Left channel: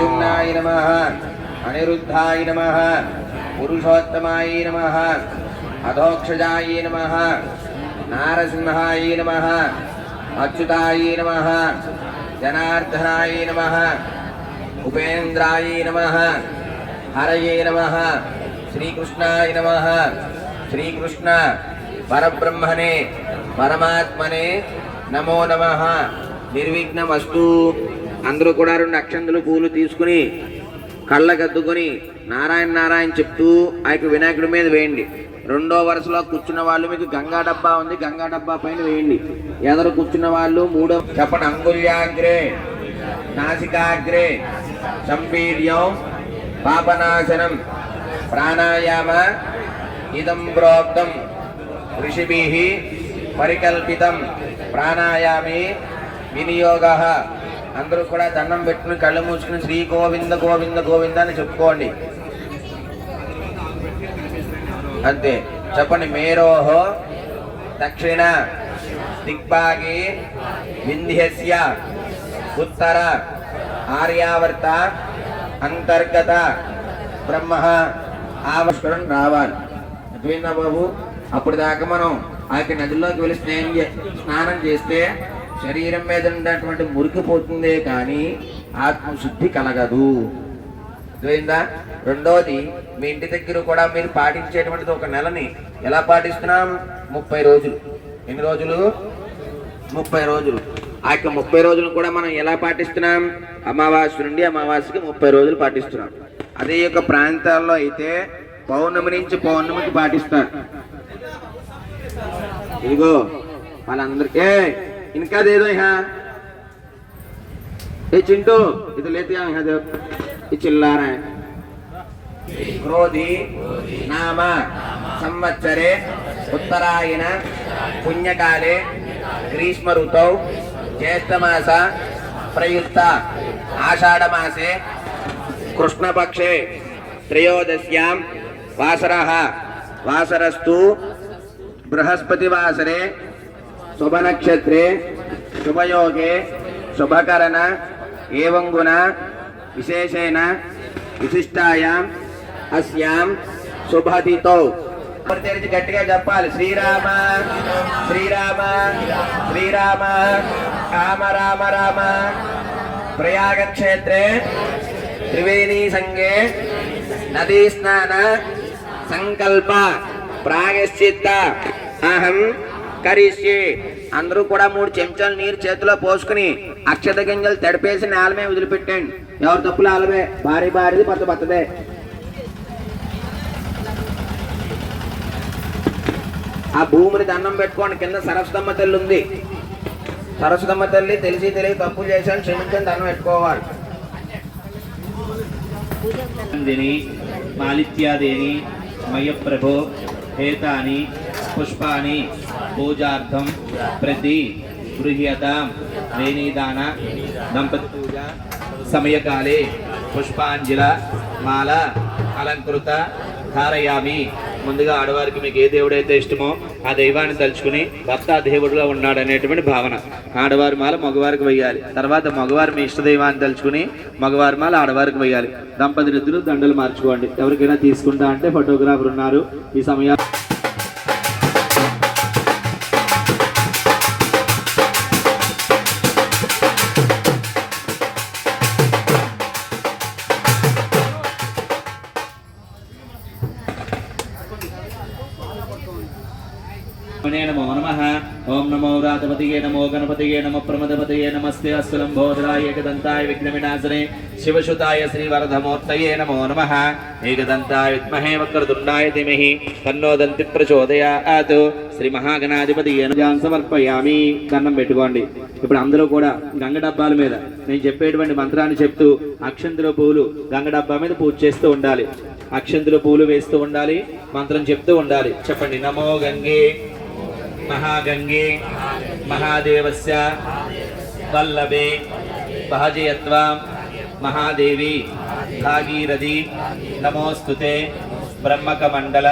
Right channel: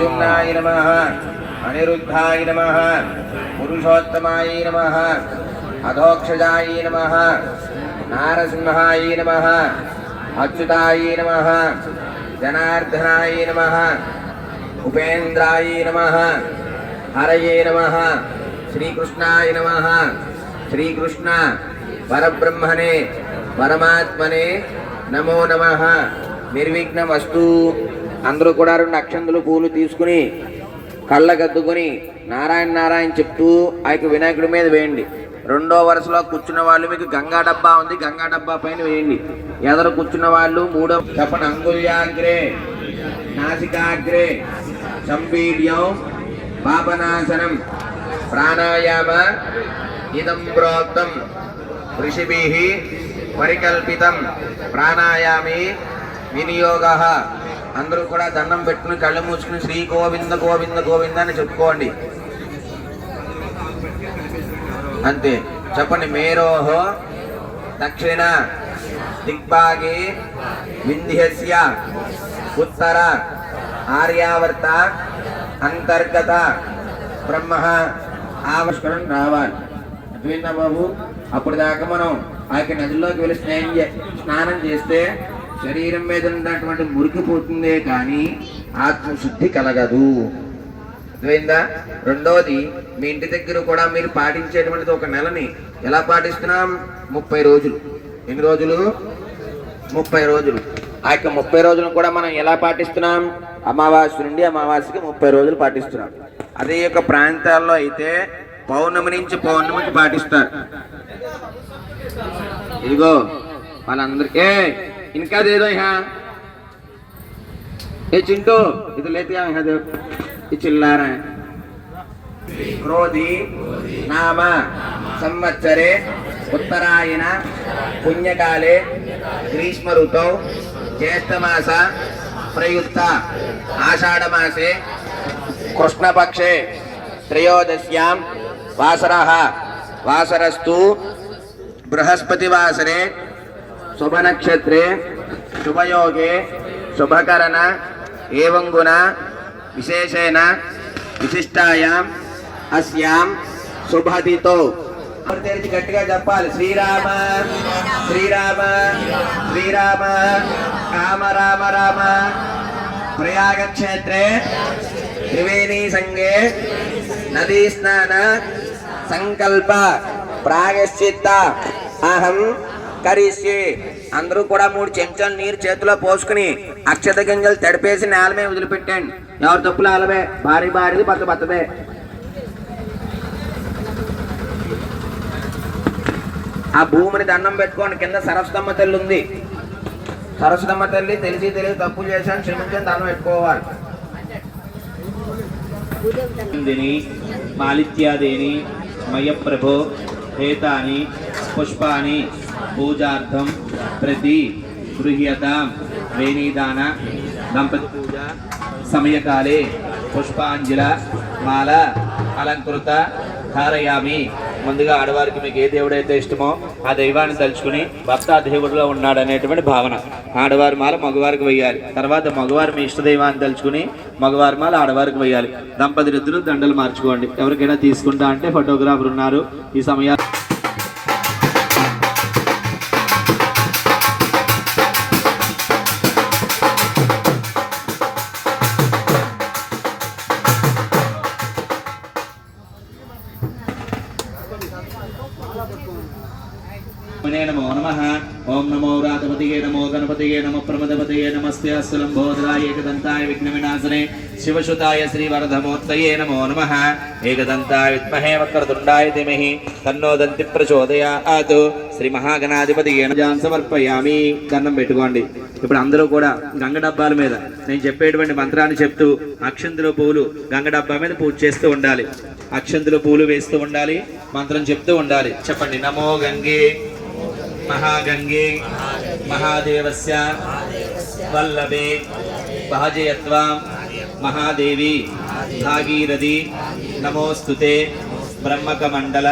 ప్రద్యుమ్నాయ నమ అనిరుద్ధాయ నమ పురుషోత్తమాయ నమ అధోక్షజాయ నమ నారసింహాయ నమ అచ్యుతాయ నమ జనార్దనాయ నమ ఉపేంద్రాయ నమ హరయే నమ శ్రీకృష్ణాయ నమ శ్రీకృష్ణ పరబ్రహ్మణే పరమాత్మనే నమో నమ నిర్విఘ్నమస్తు అందరూ కూడా రెండు అక్షంతులు పూలు తీసుకుని కళ్ళకద్దుకొని నారాయణ నారాయణ చెప్తూ ఆ యొక్క వినాయకుడి మీద వేయండి. రెండో వరుసలో కూర్చున్న వాళ్ళు మీకు గంగా డబ్బా ఉంది. గంగా డబ్బా పైన వేయండి. ఎదరు కూర్చున్న వాళ్ళు మూడో చెప్పండి. అంగుల్యాగ్రే నాసికాగ్రే సంపీడ్యం పాపనాశనం ప్రాణాయామ ఇదం ప్రోక్తం ఋషిభిః పరికల్పితం ప్రాణాయామే వినియోగ. అందరూ కూడా దండం పెట్టుకుని కళ్ళు మూసుకుని శ్రీ గోవింద గోవింద గోవింద అని చెప్పుకోండి. అంతే. చెప్పండి. మేరోహో దక్షిణ దిగ్భాగే వింధ్యస్య ఉత్తర ఆర్యావర్త అంతర్గత బ్రహ్మ ఆవస్కరం రావాలి. అర్థమైందా బాబు? అప్పుడు దాకా మనం ఆ యొక్క నదిలోకి వెళ్ళి స్నానం చే స్నానం చేస్తే శరీరం మీద ఉన్నటువంటి మురికి పోతుందే కానీ ఆత్మశుద్ధి కలగదు. అర్థమైందా? రెండోది మీ ఇంటి దగ్గర కూడా మీరు పాటించేటువంటిది ఒక నెలని ఎలా పాటిస్తున్నాం? ముప్పై రోజులు. ఎన్ని రోజులు? ముప్పై రోజులు. ఆ యొక్క ముప్పై రోజులు కూడా మనం ఎలా పాటిస్తున్నాం? అమావాస్య నుండి అమావాస్యకి ముప్పై రోజులు పాటిస్తున్నాం. అదే యొక్క ప్రాంతాల్లో అయితే పౌర్ణమి నుంచి పౌర్ణమికి పాటిస్తారు. ఇదిగో వాళ్ళందరికీ इनका दे दो यहाँ ये चिंटो इधर लेते आओ यहाँ देखो ये चिल्ला रहे हैं क्रोधी नाम संवत्सरे उत्तरायण पुण्यकाले ग्रीष्म ऋतौ ज्येष्ठमास प्रयुक्त आषाढ़मासे कृष्णपक्षे त्रयोदश्यां वासरः वासरस्तु बृहस्पतिवासरे శుభనక్షత్రే శుభయోగే శుభకరణ ఏవంగుణ విశేషేణ విశిష్టాయాం అస్యాం శుభదితో తెరిచి గట్టిగా చెప్పాలి. శ్రీరామ శ్రీరామ శ్రీరామ రామ రామ రామ. ప్రయాగక్షేత్రే త్రివేణీ సంఘే నదీ స్నాన సంకల్ప ప్రాగశ్చిత్త అహం కరిష్యే అందరూ కూడా మూడు చెంచాలు నీరు చేతిలో పోసుకుని అక్షత గింజలు తడిపేసి నేల మీద వదిలిపెట్టండి ఎవరు తప్పులు ఆలవే? భారీ భారీది పత్త బతదే ఆ భూమిని దండం పెట్టుకోండి. కింద సరస్వతమ్మ తల్లి ఉంది. సరస్వతమ్మ తల్లి తెలిసి తెలిసి తప్పు చేశాను క్షమించని దండం పెట్టుకోవాలి. నందిని మాలిత్యాదీని మయప్రభు హేతాని పుష్పాని పూజార్థం ప్రతి గృహ్యతాం వేణీదాన దంపతి పూజ సమయకాలే పుష్పాంజల మాల అలంకృత ధారయామి. ముందుగా ఆడవారికి మీకు ఏ దేవుడైతే ఇష్టమో ఆ దైవాన్ని తలుచుకుని భర్త దేవుడిలో ఉన్నాడు అనేటువంటి భావన. ఆడవారి మాల మగవారికి వేయాలి తర్వాత మగవారు మీ ఇష్ట దైవాన్ని తలుచుకుని మగవారి మాల ఆడవారికి వేయాలి దంపతులు ఇద్దరు దండలు మార్చుకోండి. ఎవరికైనా తీసుకుంటా అంటే ఫోటోగ్రాఫర్ ఉన్నారు. ఈ సమయాన్ని రాజపతియే నమో గణపతియే నమ ప్రమదపతియే నమస్తే అస్సులంబోదరాయ ఏకదంతాయ విఘ్న శివశుతాయ శివసుతాయ శ్రీవరధమూర్తయే నమో నమ ఏకదంతాయ విద్మహే వక్రతుండాయ ధిమహి తన్నో దంతి ప్రచోదయాత్ శ్రీ మహాగణాధిపతి ఏనుజాన్ సమర్పయామి కన్నం పెట్టుకోండి ఇప్పుడు అందరూ కూడా గంగ డబ్బాల మీద నేను చెప్పేటువంటి మంత్రాన్ని చెప్తూ అక్షంతుల పూలు గంగ డబ్బా మీద పూజ చేస్తూ ఉండాలి అక్షంతుల పూలు వేస్తూ ఉండాలి మంత్రం చెప్తూ ఉండాలి చెప్పండి నమో గంగే మహాగంగే మహాదేవస్య వల్లభే భాజయత్వాం మహాదేవి భాగీరథి నమోస్తుతే బ్రహ్మకమండల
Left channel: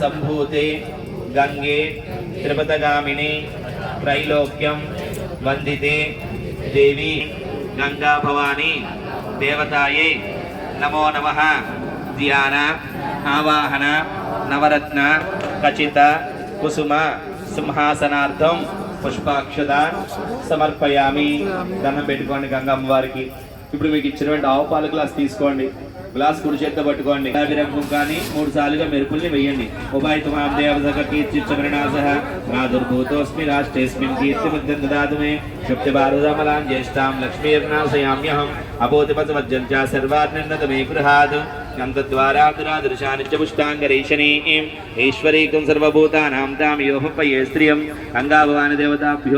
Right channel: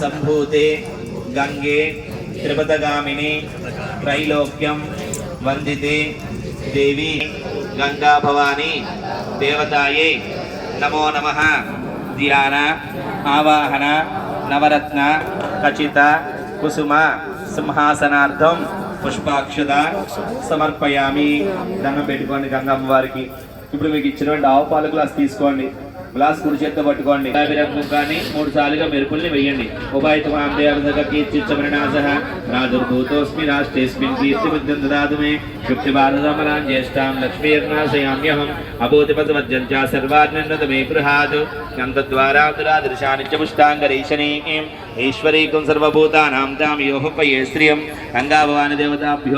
సంభూతే గంగే త్రిపదగామిని త్రైలోక్యం వందితే దేవి గంగా భవాని దేవతాయై. నమో నమ. ధ్యాన ఆవాహన నవరత్న ఖచిత కుసుమ సింహాసనార్థం పుష్పాక్షత సమర్పయామి. దండం పెట్టుకోండి గంగమ్మ వారికి. ఇప్పుడు మీకు ఇచ్చినటువంటి ఆవు పాలు గ్లాస్ తీసుకోండి. గ్లాస్ కుడి చేత్తో పట్టుకోండి. గులాబీ కానీ మూడు సార్లుగా మెరుపుల్ని వెయ్యండి ఉభయతమాందేవదక కీర్తిచ్చమరణాస రాజుర్భూతోస్మి రాష్ట్రేస్మిన్ కీర్తి బుద్ధిం మే క్షిప్తి భారతమలాం జ్యేష్టాం లక్ష్మీర్నాశయామ్యహం. అభూతిపతిమజ్జం చ సర్వాత్మన్వత మే గృహాదు గంధద్వారాదురాదృశాని చ పుష్టాంగరీషణీం ఈశ్వరీకం సర్వభూతానాం తాం యోహపయే స్త్రియం గంగాభవాని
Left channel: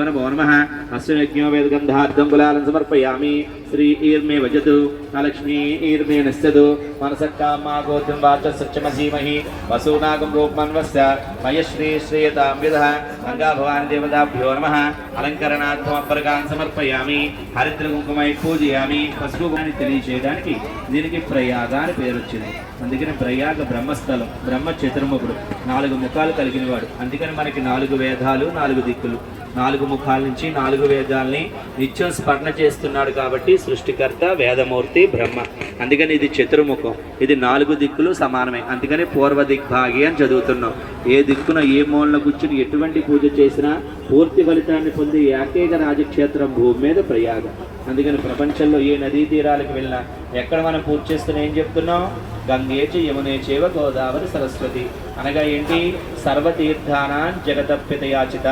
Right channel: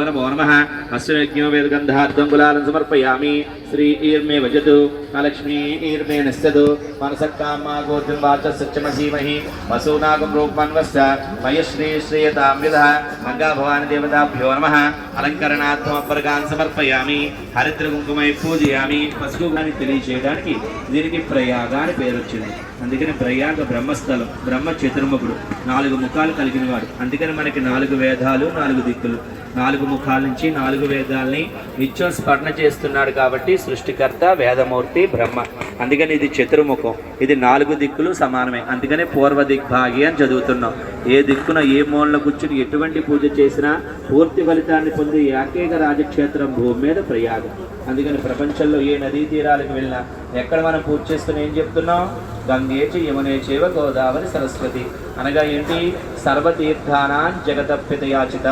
నమో నమః అశ్వయజ్ఞో వేదగంధార్థం గులాలం సమర్పయామి శ్రీ ఈర్మే వజతు లక్ష్మీ ఈర్మే నశ్యతు మనసక్కామా గోత్రం వాచ సత్యమసీమహి వసూనాగం రూపమన్వస్య మయశ్రీ శ్రేయతాం విదః గంగాభవాని దేవతాభ్యో నమః అలంకరణార్థం అప్పరగాన్ సమర్పయామి హరిద్ర కుంకుమై పూజయామి పసుపు అని తెలియజేయడానికి దీనికి ప్రయాగ పేరు to అందుకని ప్రయాగ బ్రహ్మస్థలం బ్రహ్మ చతుర్ముఖుడు. నాలుగు ముఖాలు కలిగిన వాడు. అందుకని మనకి నాలుగు వేదాలు నాలుగు దిక్కులు. నాలుగు ముఖాల నుంచి నాలుగు వేదాలని నిత్యం స్మరణ చేస్తున్నాడు కాబట్టి సృష్టికర్త వేదమూర్తి బ్రహ్మ. అందుకని ఇది చతుర్ముఖం. ఇది నాలుగు దిక్కులు సమానమే. అందుకని పూర్వ దిగ్భాగి అని చదువుతున్నాం. ఏ దిక్కున ఏ మూలన కూర్చుని ఎటువంటి పూజ చేసినా పూర్తి ఫలితాన్ని పొంది ఏకైక రాజక్షేత్రం భూమి మీద ప్రయాగం. అందుకని ప్రపంచంలో ఏ నదీ తీరాలకు వెళ్ళినా ఎక్కడ మనం పూజ చేస్తున్నా ఏం చెప్తున్నాం? గంగేచ యమునే చేవ గోదావరి సరస్వతి. అనగా ఏంటి? సర్వతీర్థానాం జగదప్యతయాచిత.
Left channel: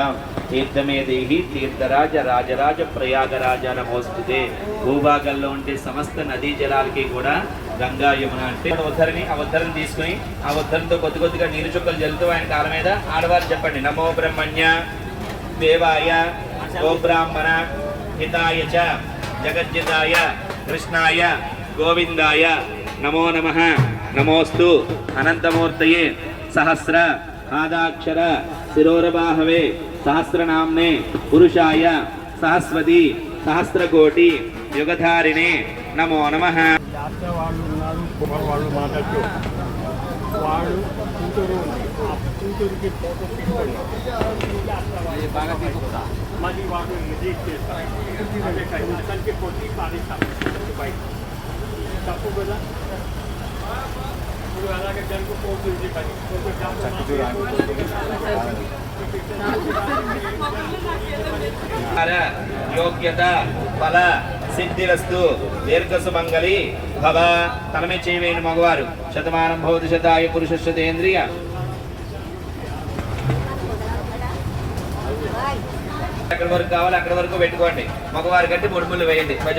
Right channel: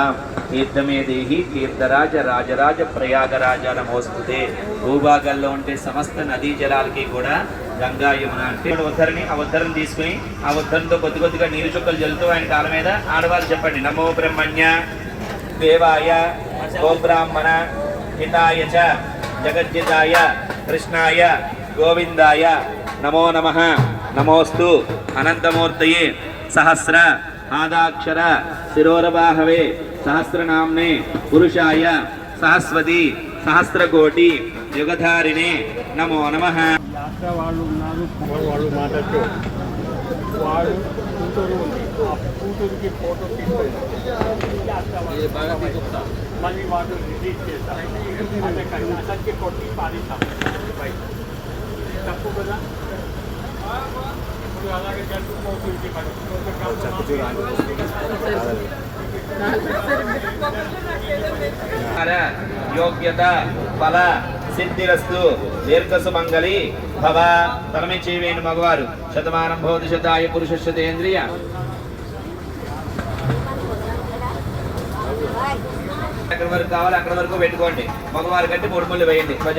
తీర్థమే దేహి తీర్థరాజ రాజరాజ ప్రయాగరాజ నమోస్తుతే. భూభాగంలో ఉండే సమస్త నదీ జలాలకి కూడా గంగా యమున అంటే ఉద్ధరిని ఆ ఉద్ధరిని తీసుకుని ఆ ఉద్ధరణతో కొద్ది కొద్దిగా నీరు చుక్కలు జల్లుతూ ఆయన కాళ్ళ మీద ఆడవారు చెప్పండి. నమో బ్రహ్మణ్య దేవాయ ఓ బ్రాహ్మణ హితాయ చ జగజ్జితాయ కృష్ణాయ గోవిందాయ నమో నమ నమోస్తు. అనంతమూర్తయే సహస్ర ఆదాక్షర శిరోరబాహవే సహస్రనామ్నే పురుషాయ సహస్వతి సహస్రకోటి యుగధారిణే నమో నమ. వాడు కూతురు ఆ కూతురికి ఫోటో తీసుకున్నాం మళ్ళీ వాడు కొట్టి పారేశాం బయట. తప్పు కదా ఇప్పుడు అలాగే జరుగుతుంది మరి హర యోగ్యత ఫల సిద్ధిరస్తు దీర్ఘ సుమంగళి భవ తనమే చేయవేను మగవారు. శతమానం భవతి శతాయ పురుష శతేంద్రియ ఎక్కడి వరకు కావాలి అక్కడ వరకు పెట్టుకోండి. మగవారి కంటే మూడు ముళ్ళు వేయండి. భజ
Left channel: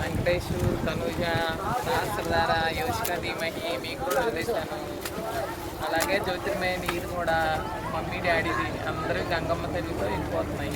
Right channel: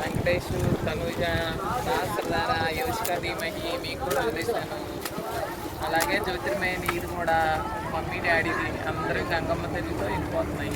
వెంకటేశు తనుజ సహస్రధార యోషిక ధీమహి మీకు చూపిస్తాను అలాగే జ్యోతిర్మయ నీరు కూడా మమ్మీ డాడీది అందరూ గంగమ్మ తల్లితో వెళ్ళిపోతున్నాయి